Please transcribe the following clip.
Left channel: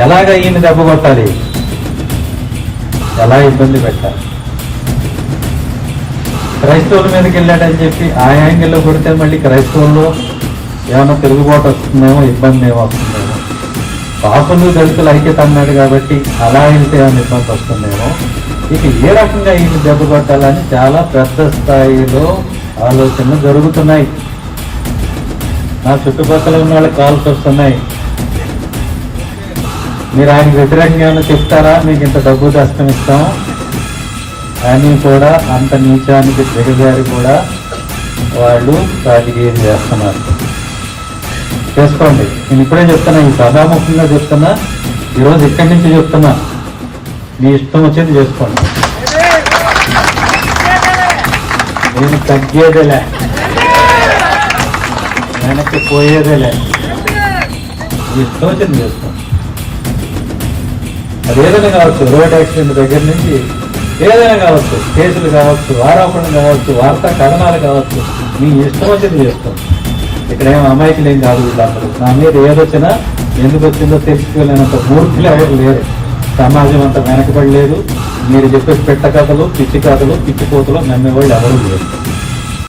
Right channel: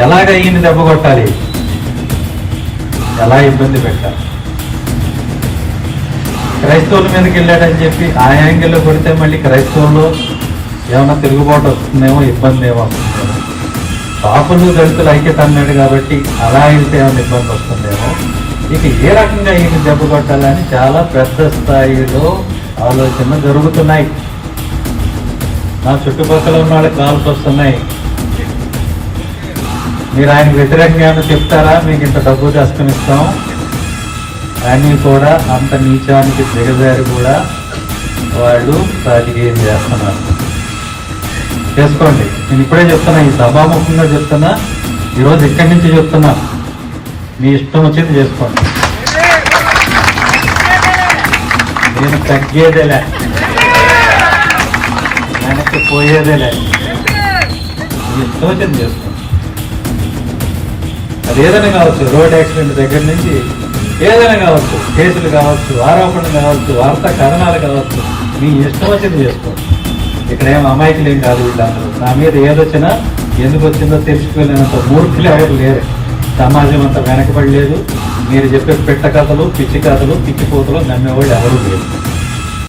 ఎలాగ ఈయన దెబ్బ కొట్టాలి, ఎలా ఇబ్బంది పెట్టాలి. క్రైస్తవుల మీదకి వెళ్ళాడని చెప్పి ఆ యాంగిల్లో కొడితే మళ్ళీ క్రైస్తవులు ఏమన్నా తిరుగుబాటు వస్తుందేమో, ఇబ్బంది ఏమో వస్తుందేమో. పాపులు దళితులు ఐక్యత అన్నాడు కాబట్టి అలా వెళ్తే ఏమైనా ఇబ్బంది వస్తుందేమో. ఇక ఏ రకంగా ఈయన దెబ్బ కొట్టాలని చాలా పెద్ద స్థాయిలో ఆలోచనలు జరుగుతున్నాయి. నా చుట్టుపక్కల ఉన్న వాళ్ళకి కాల్స్ వస్తున్నాయి. మీరు ఆయనకు వ్యతిరేకంగా ఏమైనా చెప్తారా, మీకు ఇంత డబ్బు దస్తం ఇస్తాం అని కూడా అంత నీచానికి దిగజారి కూడా వాళ్ళు రాజకీయం చేస్తున్నారు. చేసుకోండి. నేను ఇప్పుడే చెప్తున్నా, ఈ సభాముఖంగా చెప్తున్నా, ఈరోజు ఇక్కడి నుంచి చెప్తున్నా, మీ ఇష్టం వచ్చింది చేసుకోండి. నేను తగ్గేదేలే, వెనక్కి పోయేదేలే, మీ ఇష్టం వచ్చింది చేసుకోండి. అది ఏదైనా కావచ్చు, రోడ్ యాక్సిడెంట్ దగ్గర నుంచి ఏదైనా కావచ్చు, కేసులు కావచ్చు, ఆరోపణలు కావచ్చు, వార్తా కథనాలు కావచ్చు, మీ ఇష్టం వచ్చింది చేసుకోండి. ఇక్కడ ఏం అమాయకులు ఏం కాదు వీళ్ళందరూ. నా మీద ఏదొచ్చినా ఎందుకు వచ్చిందో తెలుసుకోలేనంత మూర్ఖులు ఎవరు లేరు. సమాజం అంతా వెనకబడి లేదు. మీరు చెప్పే పెట్ట కథలు, పిచ్చి కథలు, పిచ్చిపోతలు నమ్మేవాళ్ళు ఎవరు లేరు.